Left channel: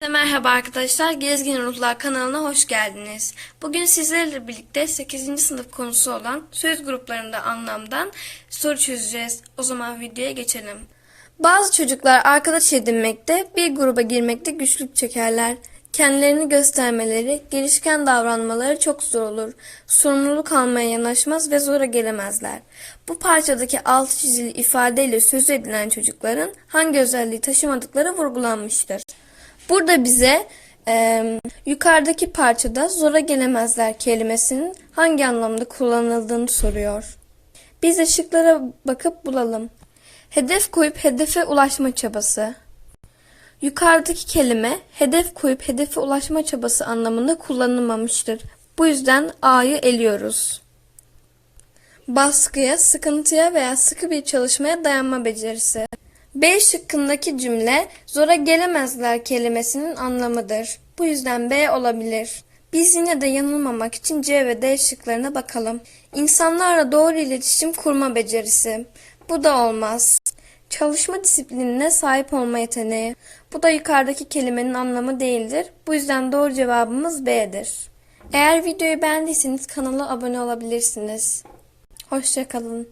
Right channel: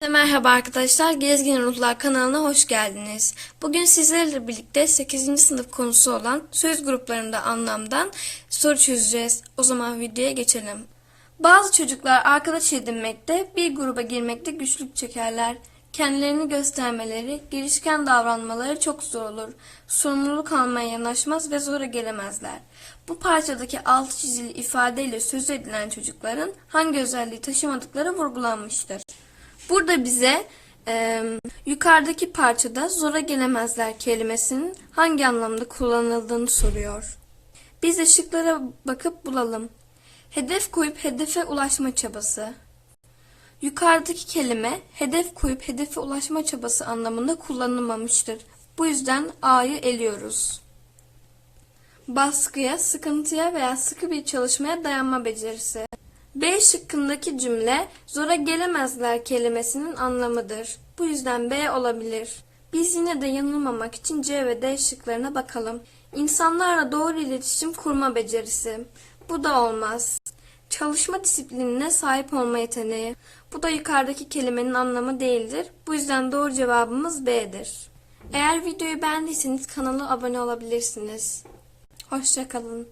Merhaba arkadaşlar, Gezgin Ruhlar kanalına hoş geldiniz. Bugün sizlerle birlikte 8. sınıf konusu olan söz gruplarında anlamdan soru çözeceğiz. O zaman videoya geçelim. Bazı çocuklar arkadaş edinmekte, bir gruba girmekte güçlük çekerler. Kendilerini göstermeleri, girişken davranmaları çok zor olur. Sorumluluk almaya yanaşmaz ve zora gelemezler. Bu parçadaki altı çizili ifadeyle söz edilen çocukların hangi özelliği taşımadıkları vurgulanmıştır. Burada bize e, yukarıdaki parçada zora gelemezler kelimesinin hangi anlamda kullanıldığını soruyor. Biz de şıklara bakıp bulalım. Hedef koyup hedefe ulaşma çabası. Yukarıdaki kelime hedef koyup hedefe ulaşma çabası anlamında kullanılmamıştır. Bu yüzden A'yı eliyoruz. Baskıya, sıkıntıya veya sıkı bir çalışmaya dayanma becerisi. B şıkkındaki cümle zora gelemezler kelimesinin anlamıdır. Bu yüzden B olabilir. Biz yine de yanılmamak için C ve D şıklarına bakalım. İnsanlarla doğru iletişim kurma becerisi. Bu da olmaz. Çalışma disiplinine sahip olma yeteneği. Bu da yukarıdaki kelimenin anlamı değildir. Bu yüzden doğru cevabımız B'dir. Eğer videoyu beğendiyseniz kanala abone olabilirsiniz. Hoşçakalın.